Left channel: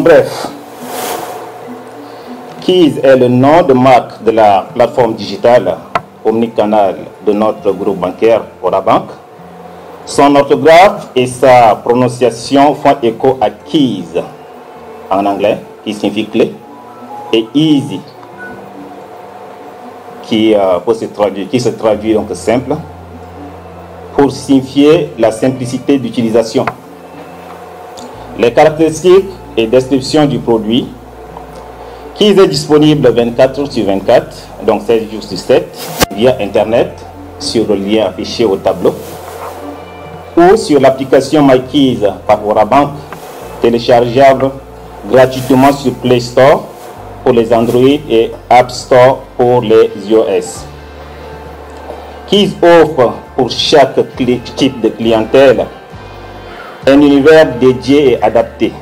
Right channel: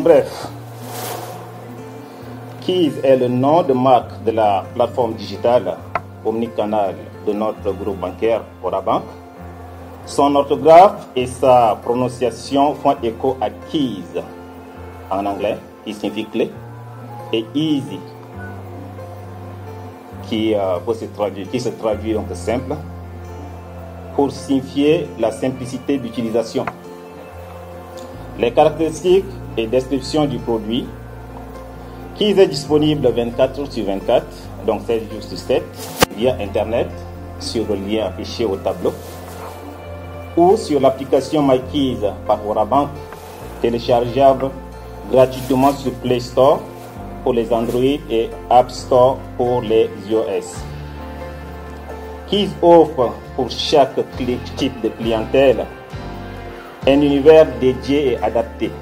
En bref, Keys est le nom de marque de la plateforme digitale omnicanal de notre groupe bancaire Orabank. Son orthographe et sa prononciation font écho à Keys en anglais, qui signifie clé, et easy, qui se traduit donc simple, pour signifier la simplicité d'utilisation. Les caractéristiques et descriptions du produit. Keys est disponible 24 heures sur 24, donc 16 jours sur 7, via Internet, sur le lien affiché au tableau, ou sur l'application MyKeys par Orabank, téléchargeable gratuitement sur Play Store pour les Android et App Store pour les iOS. Keys offre pour chaque type de clientèle un univers dédié et adapté.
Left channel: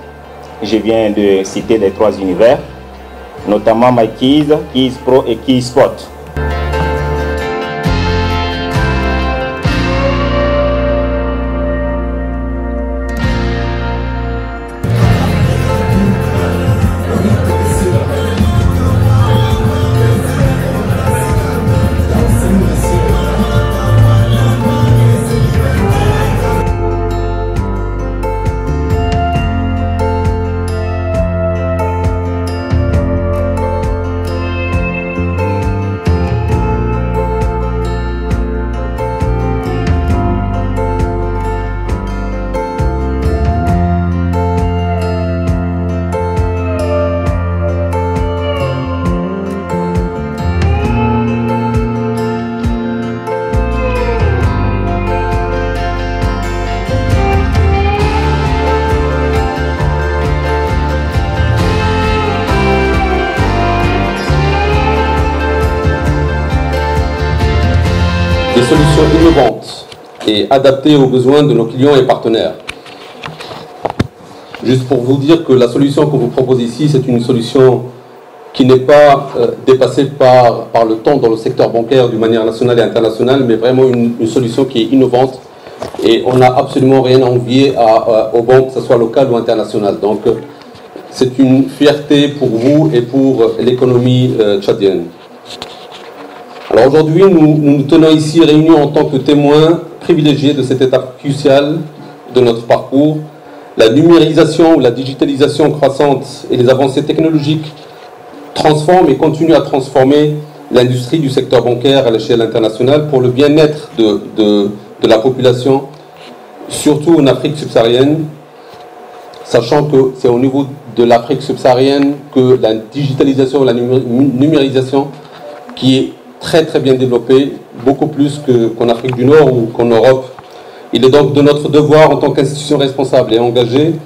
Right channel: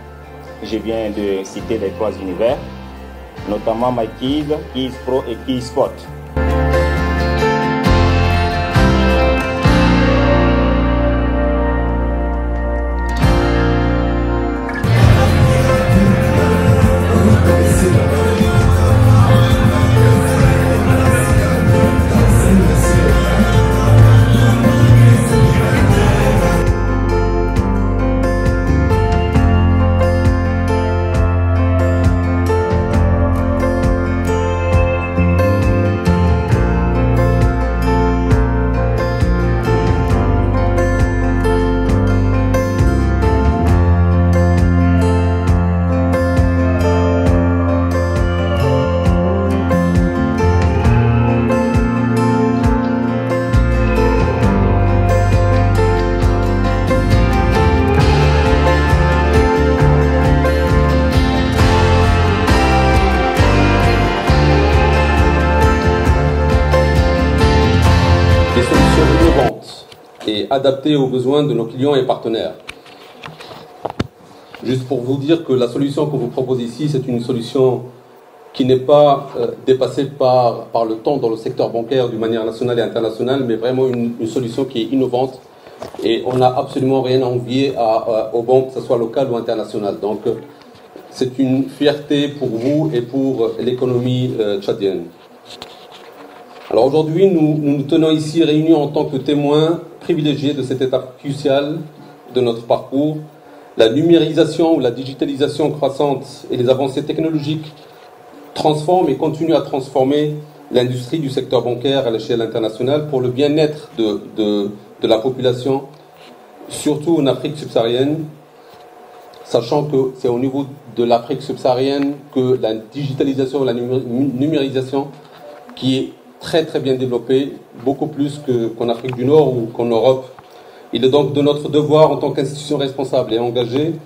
Je viens de citer les 3 univers, notamment MyKeys, Keys Pro et Keys Spot. Adapté aux besoins de nos clients et partenaires. Juste pour vous dire que la solution qu'on vous propose ici, c'est une solution qui n'est pas dépassée par le temps dans le secteur bancaire d'une manière nationale et internationale, mais vraiment une solution qui est innovante et on n'a absolument rien à envier aux banques, que ce soit locales ou internationales. Donc c'est une fierté pour vous et pour l'économie tchadienne. Alors aujourd'hui, nous tenons ici réunis en tant que témoins privilégiés de cette étape cruciale de notre parcours. La numérisation ou la digitalisation croissante et les avancées technologiques transforment et continuent à transformer l'industrie du secteur bancaire à l'échelle internationale pour le bien-être de la population, surtout en Afrique subsaharienne, sachant que c'est au niveau de l'Afrique subsaharienne que la digitalisation et la numérisation qui est très très bien développée, beaucoup plus qu'en Afrique du Nord ou qu'en Europe. Il est donc de notre devoir en tant qu'institution responsable et engagée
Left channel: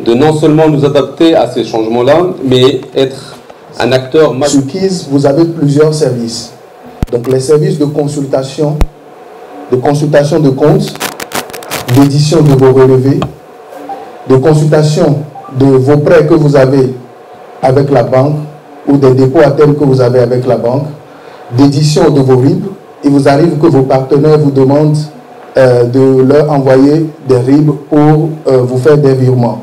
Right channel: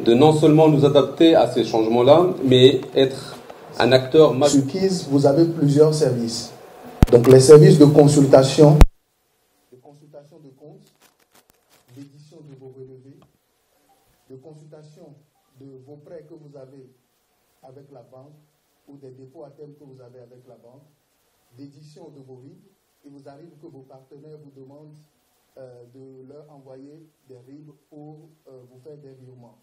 de non seulement nous adapter à ces changements-là, mais être un acteur majeur. Sur Keys, vous avez plusieurs services de consultation de comptes, d'édition de vos relevés, de consultation de vos prêts que vous avez avec la banque ou des dépôts à terme que vous avez avec la banque, d'édition de vos RIB. Il vous arrive que vos partenaires vous demandent de leur envoyer des RIB pour vous faire des virements.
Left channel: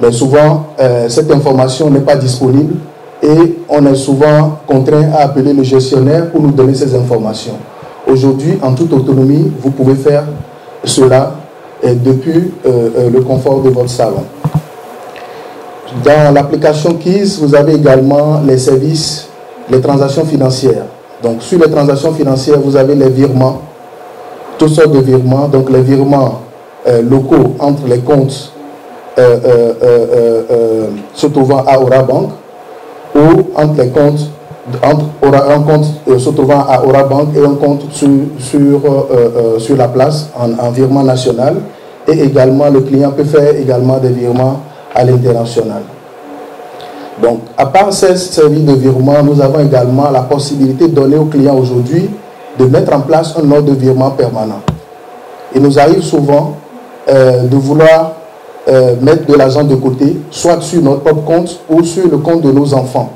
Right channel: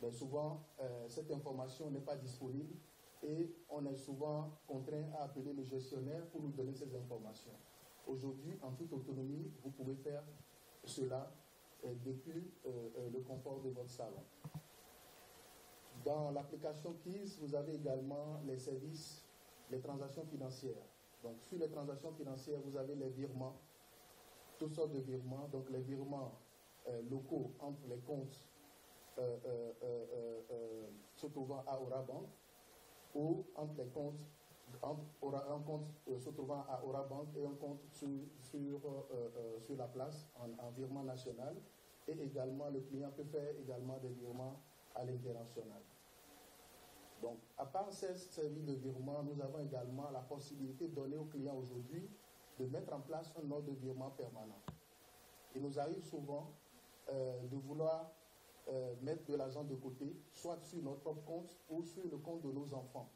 Mais souvent, cette information n'est pas disponible et on est souvent contraint à appeler le gestionnaire pour nous donner ces informations. Aujourd'hui, en toute autonomie, vous pouvez faire cela depuis le confort de votre salon. Dans l'application Keys, vous avez également les services, les transactions financières. Donc, sur les transactions financières, vous avez les virements, toutes sortes de virements. Donc, les virements locaux entre les comptes se trouvant à Orabank ou entre les comptes, un compte se trouvant à Orabank et un compte sur la place en virement national. Et également, le client peut faire également des virements à l'international. Donc, à part ces services de virement, nous avons également la possibilité de donner aux clients aujourd'hui de mettre en place un ordre de virement permanent. Il nous arrive souvent de vouloir mettre de l'argent de côté, soit sur notre propre compte ou sur le compte de nos enfants.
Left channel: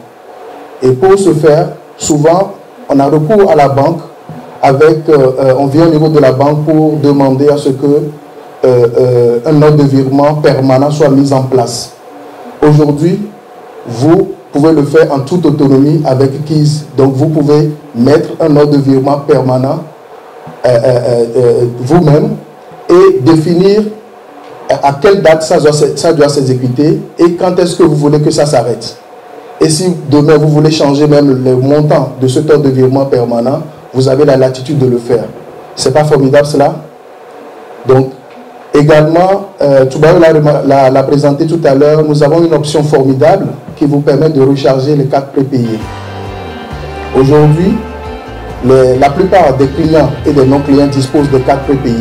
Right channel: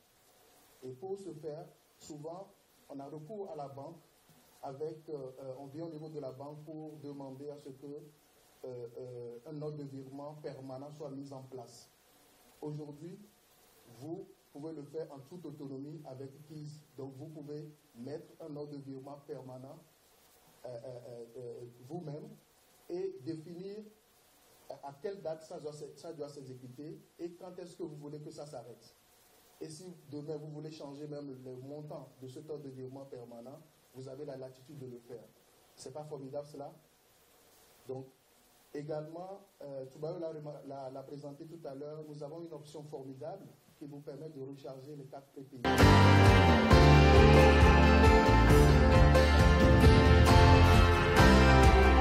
Et pour ce faire, souvent, on a recours à la banque, on vient au niveau de la banque pour demander à ce que un ordre de virement permanent soit mis en place. Aujourd'hui, vous pouvez le faire en toute autonomie avec KIZ. Donc vous pouvez mettre un ordre de virement permanent vous-même et définir à quelle date ça doit s'exécuter et quand est-ce que vous voulez que ça s'arrête. Et si demain vous voulez changer même le montant de cet ordre de virement permanent, vous avez la latitude de le faire. C'est pas formidable cela? Donc, également, Toubaou l'a présenté tout à l'heure, nous avons une option formidable qui vous permet de recharger les cartes prépayées. Aujourd'hui, la plupart des clients et des non-clients disposent de cartes prépayées.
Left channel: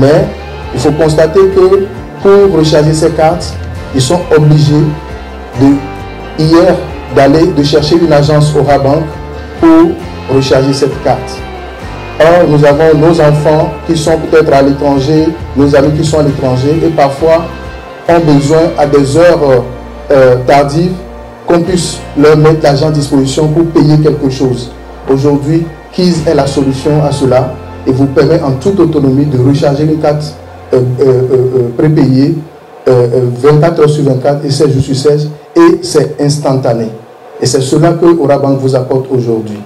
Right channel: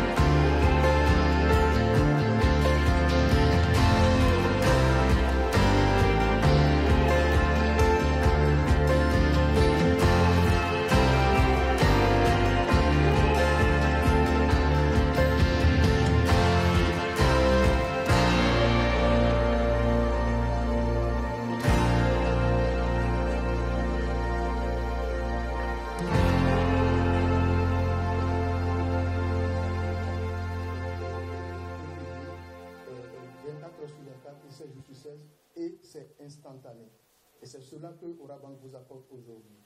Mais il faut constater que pour recharger ces cartes, ils sont obligés de chercher une agence Aura Bank pour recharger cette carte. Or, nous avons nos enfants qui sont peut-être à l'étranger, nos amis qui sont à l'étranger et parfois ont besoin à des heures tardives qu'on puisse leur mettre l'argent à disposition pour payer quelque chose. Aujourd'hui, KIZ est la solution à cela et vous permet en toute autonomie de recharger une carte prépayée 24 heures sur 24 et 16 jours sur 16 et c'est instantané. Et c'est cela que Aura Bank vous apporte aujourd'hui.